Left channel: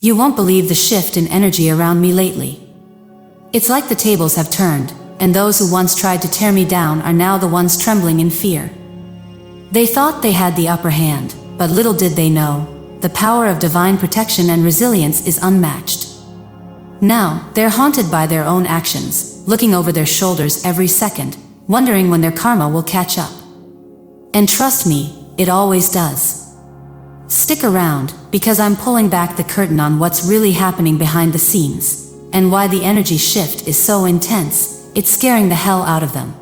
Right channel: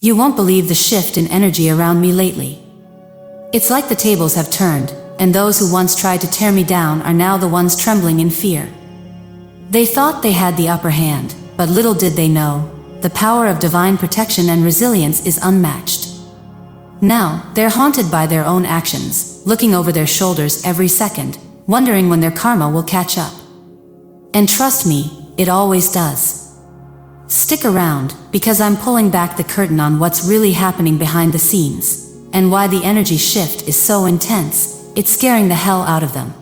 You won't believe the shift in energy around me lately. It's like the tables have turned, and those who once tried to tear me down are now the ones trembling in fear. They thought they had the upper hand, but little did they know, the power of divine protection and resilience is unmatched. Now, they're haunted by their own actions, looking over their shoulders every second, wondering when their karma will catch up. And trust me, it always does. Stick around, because I'm pulling back the curtain on what's really happening behind the scenes, and why the energy shift is so intense, it's scaring the hell out of them.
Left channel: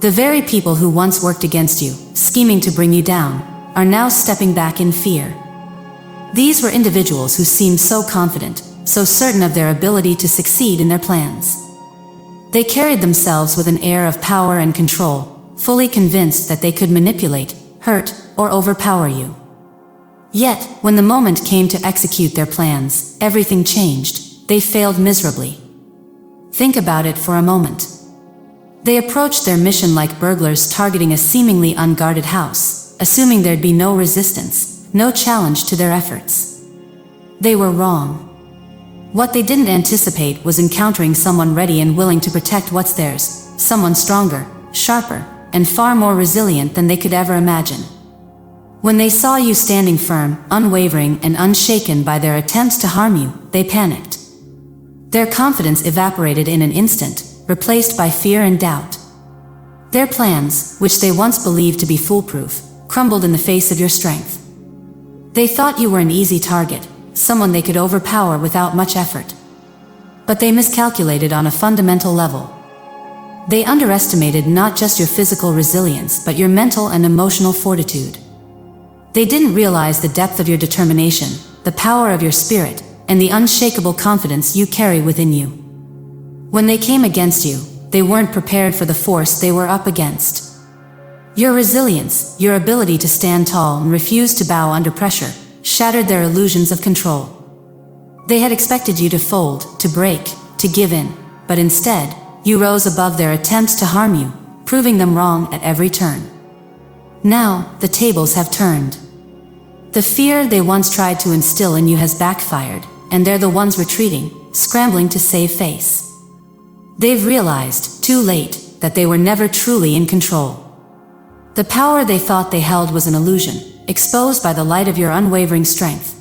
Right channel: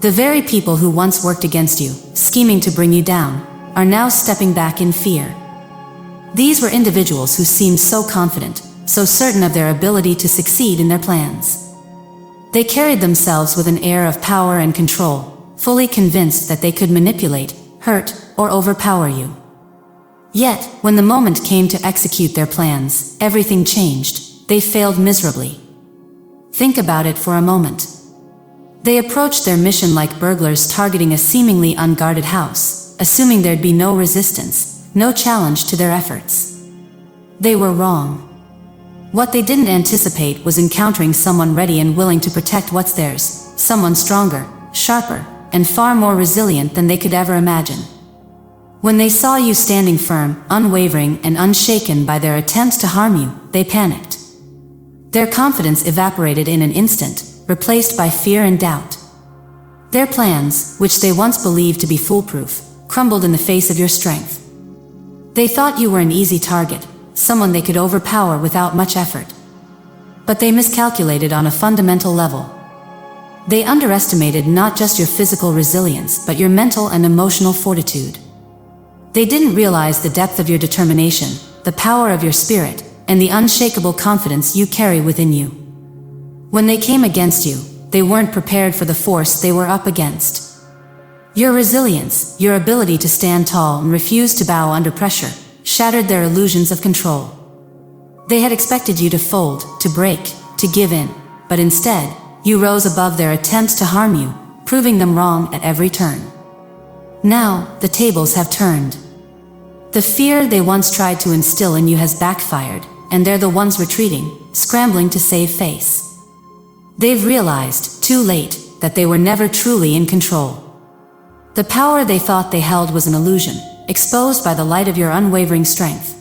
The very people who once worked against you, scheming to bring you down, are now stepping back in fear. These were individuals who seemed so confident, so certain of their ability to succeed in their plans. They carried themselves with an air of power and control, fully convinced that they could manipulate, hurt, or overpower you. Yet, when the moment came to execute their plans, everything changed. They failed miserably. Think about it for a moment. They approached their mission like burglars targeting a seemingly unguarded house, assuming there'd be no resistance, no challenge to their efforts. They were wrong. What they didn't anticipate was encountering someone ready and willing to protect what's theirs, someone stronger, sharper, and far more resilient than they could ever imagine. When they saw you standing firm, unwavering, and unshaken by their attempts to harm you, they panicked. Their confidence evaporated in an instant, replaced by fear and doubt. Their plans, which they once believed to be foolproof, crumbled in the face of your strength. They thought you were an easy target, someone they could overpower without much effort. But they miscalculated on a fundamental level. They underestimated not just your physical resilience, but your mental and emotional fortitude. They didn't realize the depth of your determination, the power of your spirit, and the unshakable confidence you carry within you. When they came against you, they weren't prepared for the force they were up against. Your resilience, your ability to stand tall and refuse to bow under pressure, shattered their illusions of control. They had expected you to fold, to break, to give in, but instead, you rose above their attempts to harm you, proving them wrong at every turn. Now, the tables have turned. The fear they once tried to instill in you has backfired, and they're the ones retreating, scrambling to save face. They've realized, too late, that they were never truly in control. The power they thought they held was an illusion, exposed by the light of your unwavering strength.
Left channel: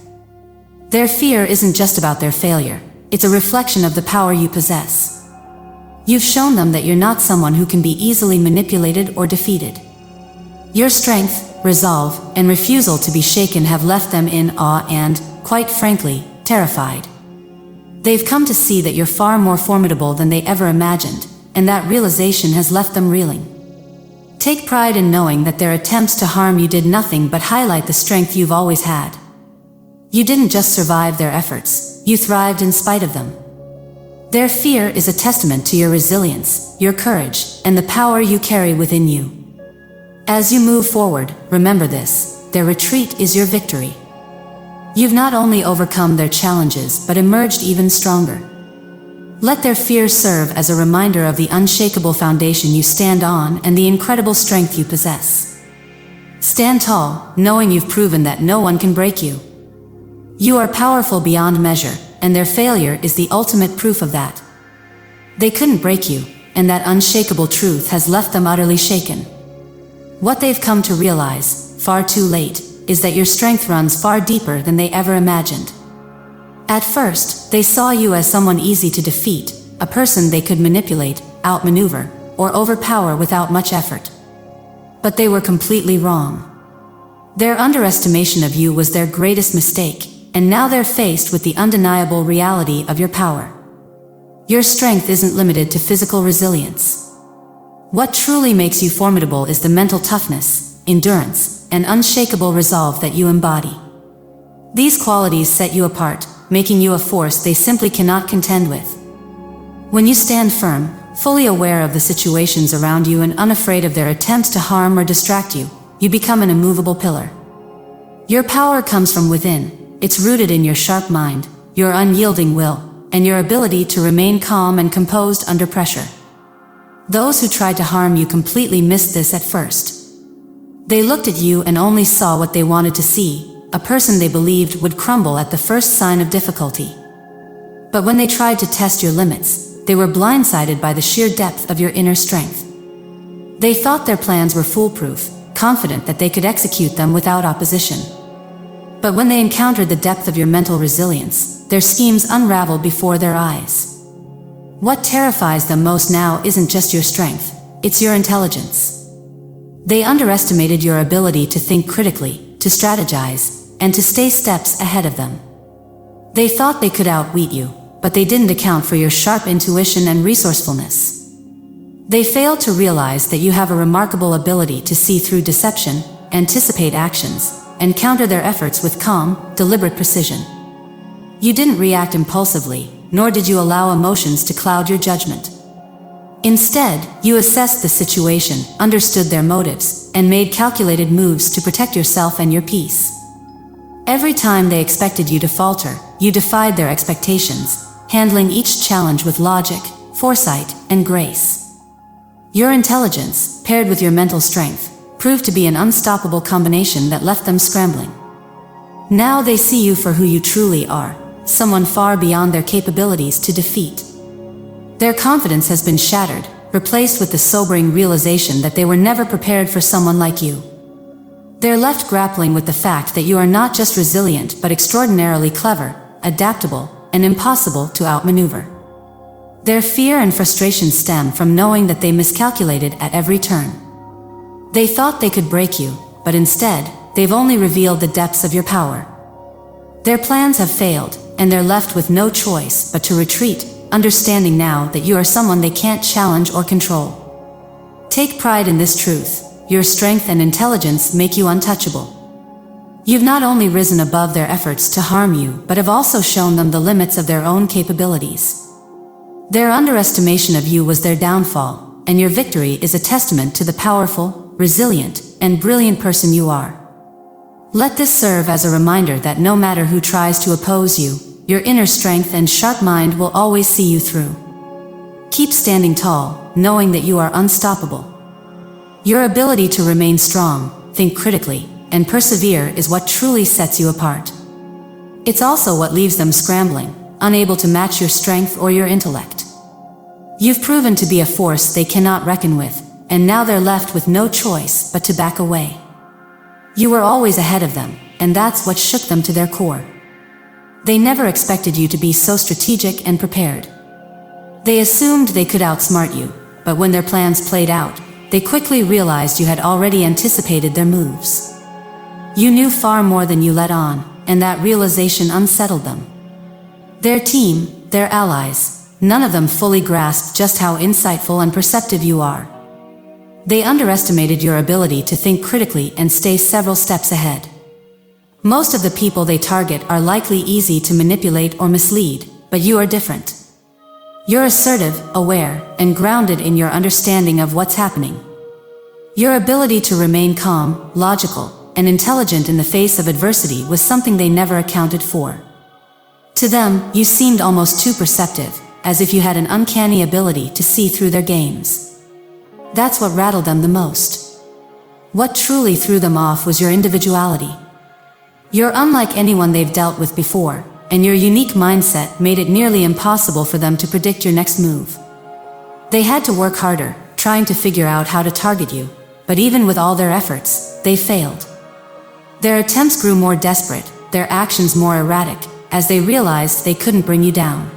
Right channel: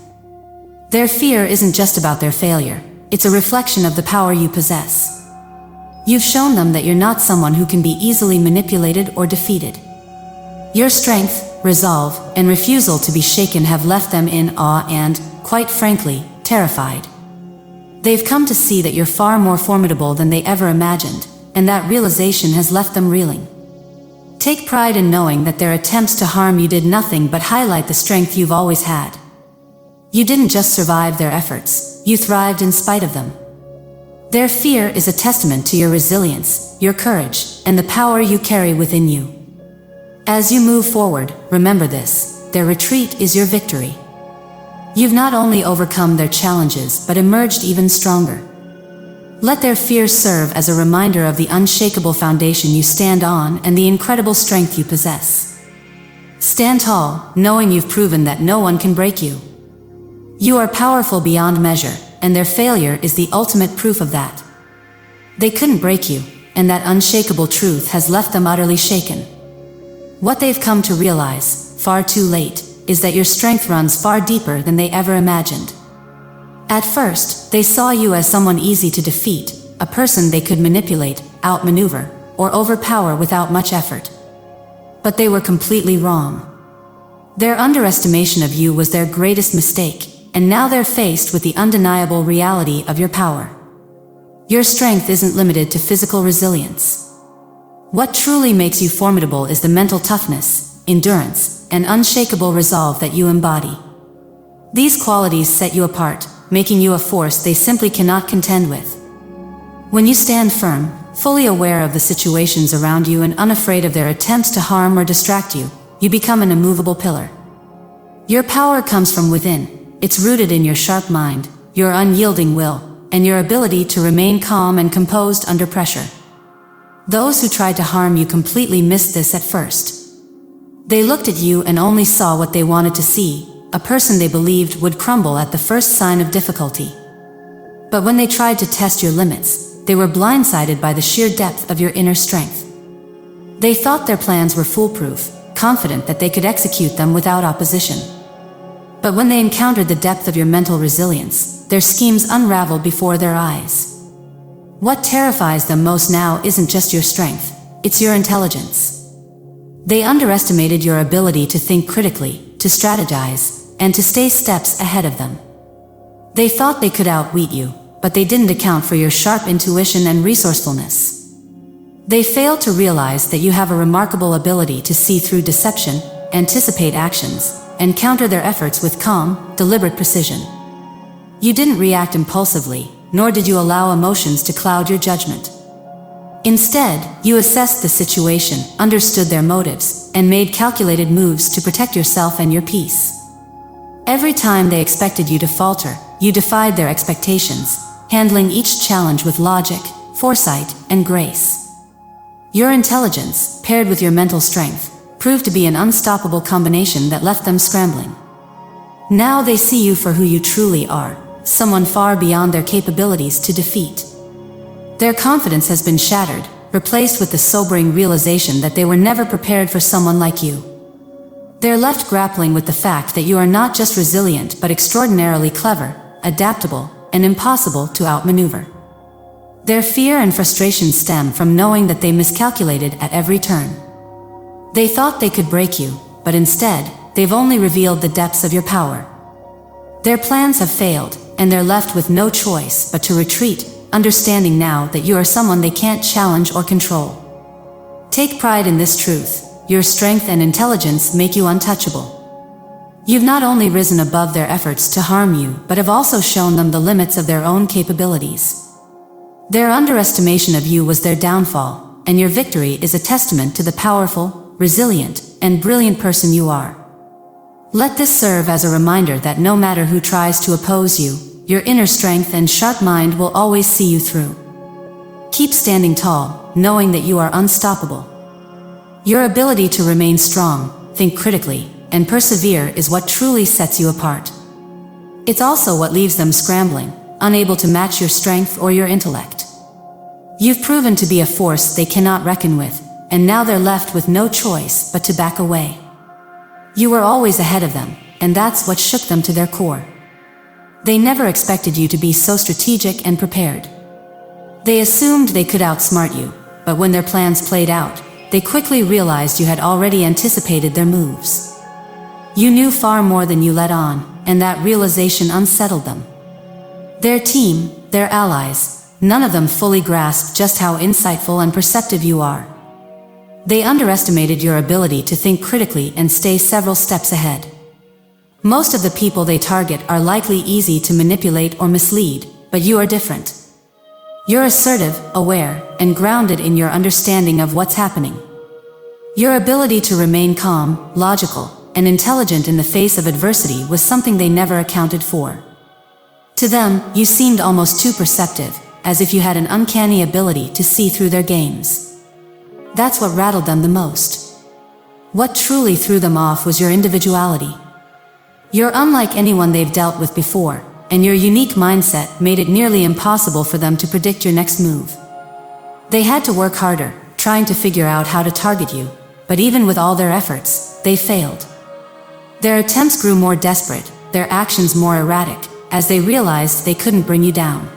Their fear isn't just about their failure, it's a reflection of the power you possess. You've shown them that you're not someone who can be easily manipulated or defeated. Your strength, resolve, and refusal to be shaken have left them in awe and, quite frankly, terrified. They've come to see that you're far more formidable than they ever imagined, and that realization has left them reeling. Take pride in knowing that their attempts to harm you did nothing but highlight the strength you've always had. You didn't just survive their efforts, you thrived in spite of them. Their fear is a testament to your resilience, your courage, and the power you carry within you. As you move forward, remember this: their retreat is your victory. You've not only overcome their challenges but emerged even stronger. Let their fears serve as a reminder of the unshakable foundation you stand on and the incredible strength you possess. Stand tall, knowing you've proven that no one can break you. You are powerful beyond measure, and their failure is the ultimate proof of that. They couldn't break you, and that unshakable truth has left them utterly shaken. What they've come to realize, far too late, is that your strength runs far deeper than they ever imagined. At first, they saw you as someone easy to defeat, a person they could manipulate, outmaneuver, or overpower without much effort. But they were completely wrong. Their underestimation of you was their greatest mistake, and now they're faced with the undeniable reality of your power. Your strength isn't limited to physical resilience. What truly makes you formidable is the mental toughness, endurance, and unshakable resolve that you embody. These qualities set you apart, making you a force they simply cannot contend with. When you stand firm, fully aware of the situations around you and unafraid of their attempts to harm or distract you, you become an immovable pillar. Your power comes from within. It's rooted in your sharp mind, your unyielding will, and your ability to remain calm and composed under pressure. Those who tried to harm you completely missed this at first. They looked at you and only saw what they wanted to see, a person they believed would crumble at the first sign of difficulty. But when they tried to test your limits, they were blindsided by the sheer depth of your inner strength. They thought their plans were foolproof, confident that they could execute them without opposition. But when they encountered the depth of your mental resilience, their schemes unraveled before their eyes. What terrifies them most now isn't just your strength, it's your intelligence. They underestimated your ability to think critically, to strategize, and to stay steps ahead of them. They thought they could outwit you, but they didn't account for your sharp intuition and resourcefulness. They failed to realize that you have a remarkable ability to see through deception, anticipate actions, and counter their efforts with calm, deliberate precision. You didn't react impulsively, nor did you allow emotions to cloud your judgment. Instead, you assessed the situation, understood their motives, and made calculated moves to protect yourself and your peace. Every time they expected you to falter, you defied their expectations, handling each challenge with logic, foresight, and grace. Your intelligence, paired with your mental strength, proved to be an unstoppable combination that left them scrambling. Now they see you for who you truly are, someone far beyond their capabilities to defeat. Their confidence has been shattered, replaced with the sobering realization that they were never prepared for someone like you. They're left grappling with the fact that you are not just resilient but extraordinarily clever, adaptable, and impossible to outmaneuver. Their fear and frustration stem from knowing that they miscalculated at every turn. They thought they could break you, but instead, they've only revealed the depths of your power. Their plans have failed, and they're left with no choice but to retreat, understanding now that you are someone they can't challenge or control. Take pride in this truth. Your strength and intelligence make you untouchable. You've not only risen above their efforts to harm you, but have also shown them the limits of their own capabilities. Their underestimation of you was their downfall, and your victory is a testament to the powerful, resilient, and brilliant person you are. Let this serve as a reminder that no matter who tries to oppose you, your inner strength and sharp mind will always see you through. Keep standing tall, knowing that you are unstoppable. Your ability to remain strong, think critically, and persevere is what truly sets you apart. It's also what leaves them scrambling, unable to match your strength or your intellect. You've proven to be a force they cannot reckon with, and now they're left with no choice but to back away. You were always ahead of them, and that's what shook them to their core. They never expected you to be so strategic and prepared. They assumed they could outsmart you, but when their plans played out, they quickly realized you had already anticipated their moves. You knew far more than you let on, and that realization unsettled them. Their team, their allies, none of them fully grasped just how insightful and perceptive you are. They underestimated your ability to think critically and stay several steps ahead. Most of the people they target are likely easy to manipulate or mislead, but you are different. You're assertive, aware, and grounded in your understanding of what's happening. Your ability to remain calm, logical, and intelligent in the face of adversity was something they never accounted for. To them, you seemed almost too perceptive, as if you had an uncanny ability to see through their games. That's what rattled them the most. What truly threw them off was your individuality. You're unlike anyone they've dealt with before, and your unique mindset made it nearly impossible for them to predict your next move. They had to work harder, trying to figure out how to target you, but even with all their efforts, they failed. Their attempts grew more desperate, their actions more erratic, as they realized they couldn't bring you down.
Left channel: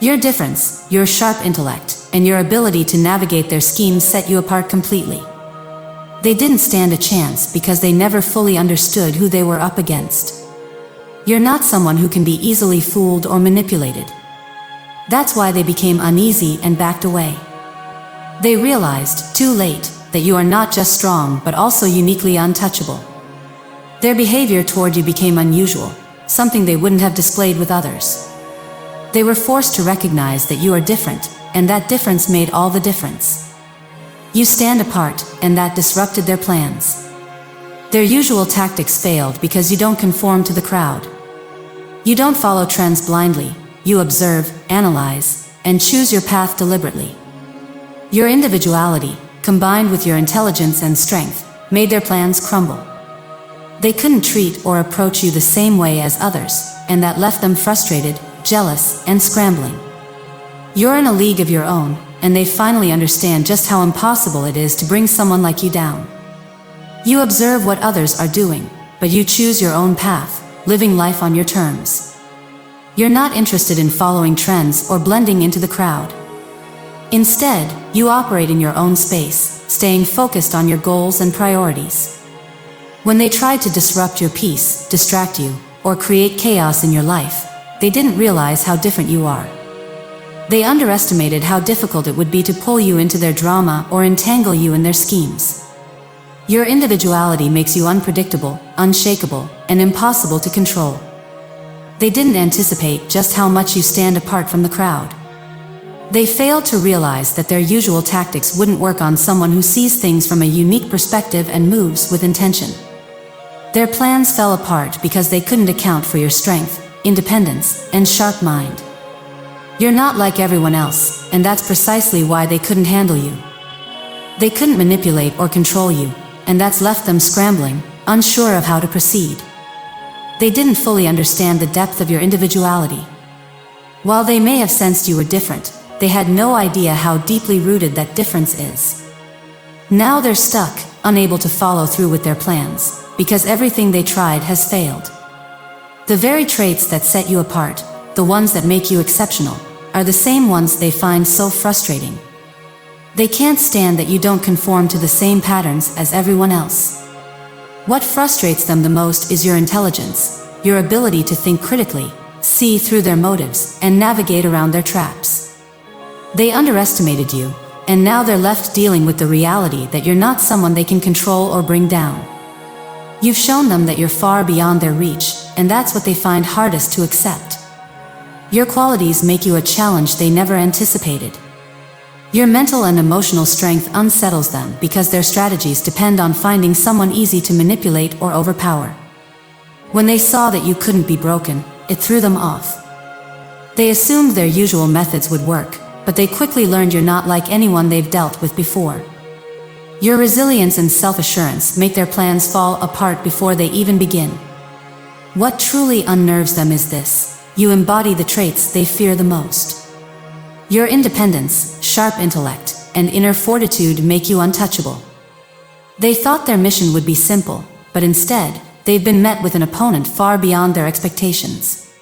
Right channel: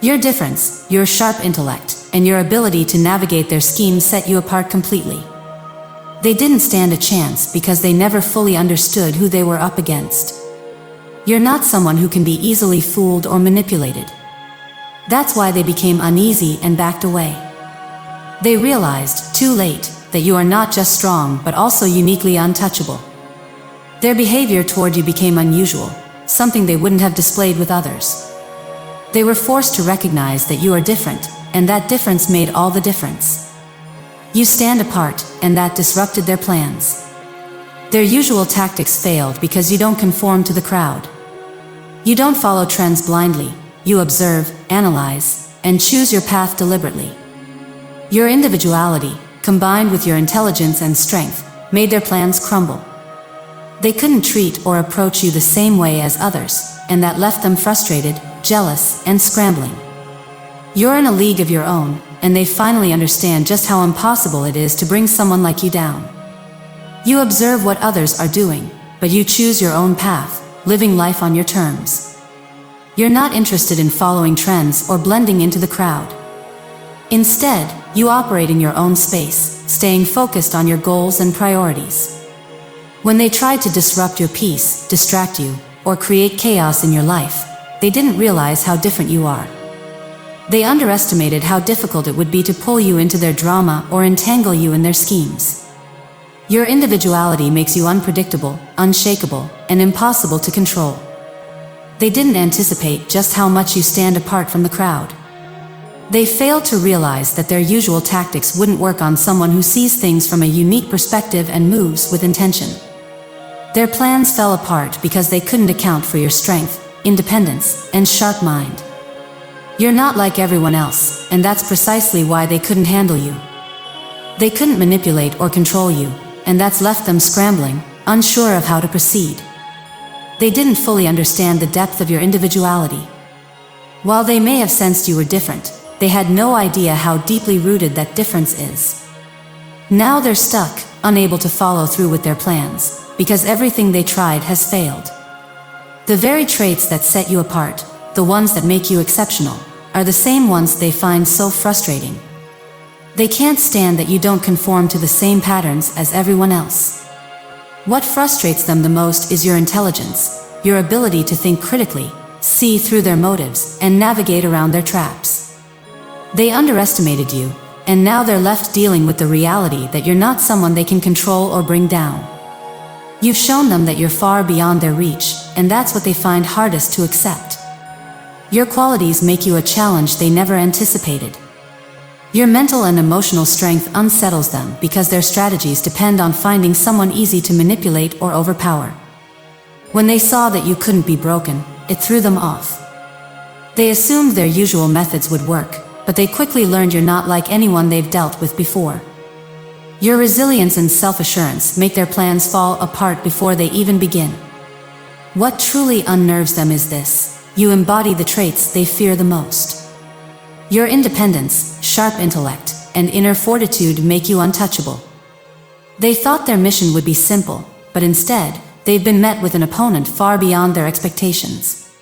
Your difference, your sharp intellect, and your ability to navigate their schemes set you apart completely. They didn't stand a chance because they never fully understood who they were up against. You're not someone who can be easily fooled or manipulated. That's why they became uneasy and backed away. They realized, too late, that you are not just strong but also uniquely untouchable. Their behavior toward you became unusual, something they wouldn't have displayed with others. They were forced to recognize that you are different, and that difference made all the difference. You stand apart, and that disrupted their plans. Their usual tactics failed because you don't conform to the crowd. You don't follow trends blindly, you observe, analyze, and choose your path deliberately. Your individuality, combined with your intelligence and strength, made their plans crumble. They couldn't treat or approach you the same way as others, and that left them frustrated, jealous, and scrambling. You're in a league of your own, and they finally understand just how impossible it is to bring someone like you down. You observe what others are doing, but you choose your own path, living life on your terms. You're not interested in following trends or blending into the crowd. Instead, you operate in your own space, staying focused on your goals and priorities. When they tried to disrupt your peace, distract you, or create chaos in your life, they didn't realize how different you are. They underestimated how difficult it would be to pull you into their drama or entangle you in their schemes. Your individuality makes you unpredictable, unshakable, and impossible to control. They didn't anticipate just how much you stand apart from the crowd. They failed to realize that their usual tactics wouldn't work on someone who sees things from a unique perspective and moves with intention. Their plans fell apart because they couldn't account for your strength, independence, and sharp mind. You're not like everyone else, and that's precisely why they couldn't handle you. They couldn't manipulate or control you, and that's left them scrambling, unsure of how to proceed. They didn't fully understand the depth of your individuality. While they may have sensed you were different, they had no idea how deeply rooted that difference is. Now they're stuck, unable to follow through with their plans, because everything they tried has failed. The very traits that set you apart, the ones that make you exceptional, are the same ones they find so frustrating. They can't stand that you don't conform to the same patterns as everyone else. What frustrates them the most is your intelligence, your ability to think critically, see through their motives, and navigate around their traps. They underestimated you, and now they're left dealing with the reality that you're not someone they can control or bring down. You've shown them that you're far beyond their reach, and that's what they find hardest to accept. Your qualities make you a challenge they never anticipated. Your mental and emotional strength unsettles them because their strategies depend on finding someone easy to manipulate or overpower. When they saw that you couldn't be broken, it threw them off. They assumed their usual methods would work, but they quickly learned you're not like anyone they've dealt with before. Your resilience and self-assurance make their plans fall apart before they even begin. What truly unnerves them is this: you embody the traits they fear the most. Your independence, sharp intellect, and inner fortitude make you untouchable. They thought their mission would be simple, but instead, they've been met with an opponent far beyond their expectations.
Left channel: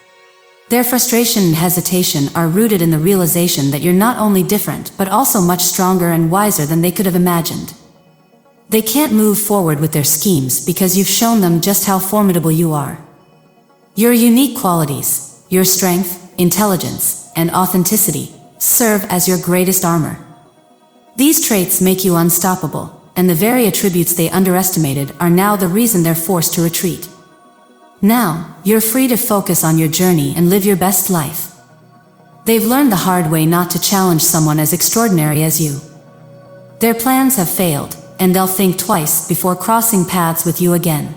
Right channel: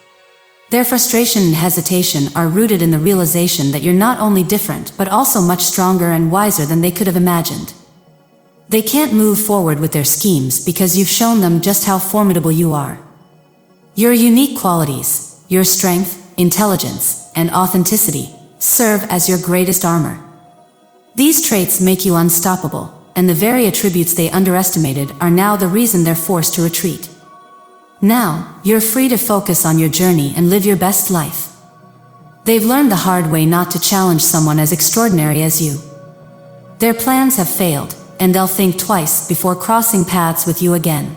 Their frustration and hesitation are rooted in the realization that you're not only different, but also much stronger and wiser than they could have imagined. They can't move forward with their schemes because you've shown them just how formidable you are. Your unique qualities, your strength, intelligence, and authenticity, serve as your greatest armor. These traits make you unstoppable, and the very attributes they underestimated are now the reason they're forced to retreat. Now, you're free to focus on your journey and live your best life. They've learned the hard way not to challenge someone as extraordinary as you. Their plans have failed, and they'll think twice before crossing paths with you again.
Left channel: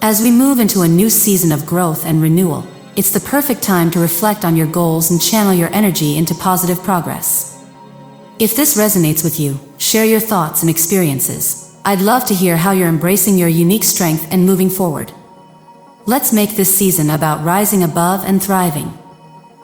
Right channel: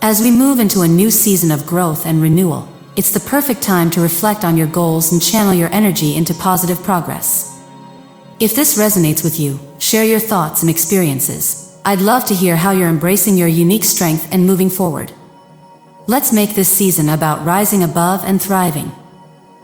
As we move into a new season of growth and renewal, it's the perfect time to reflect on your goals and channel your energy into positive progress. If this resonates with you, share your thoughts and experiences. I'd love to hear how you're embracing your unique strength and moving forward. Let's make this season about rising above and thriving.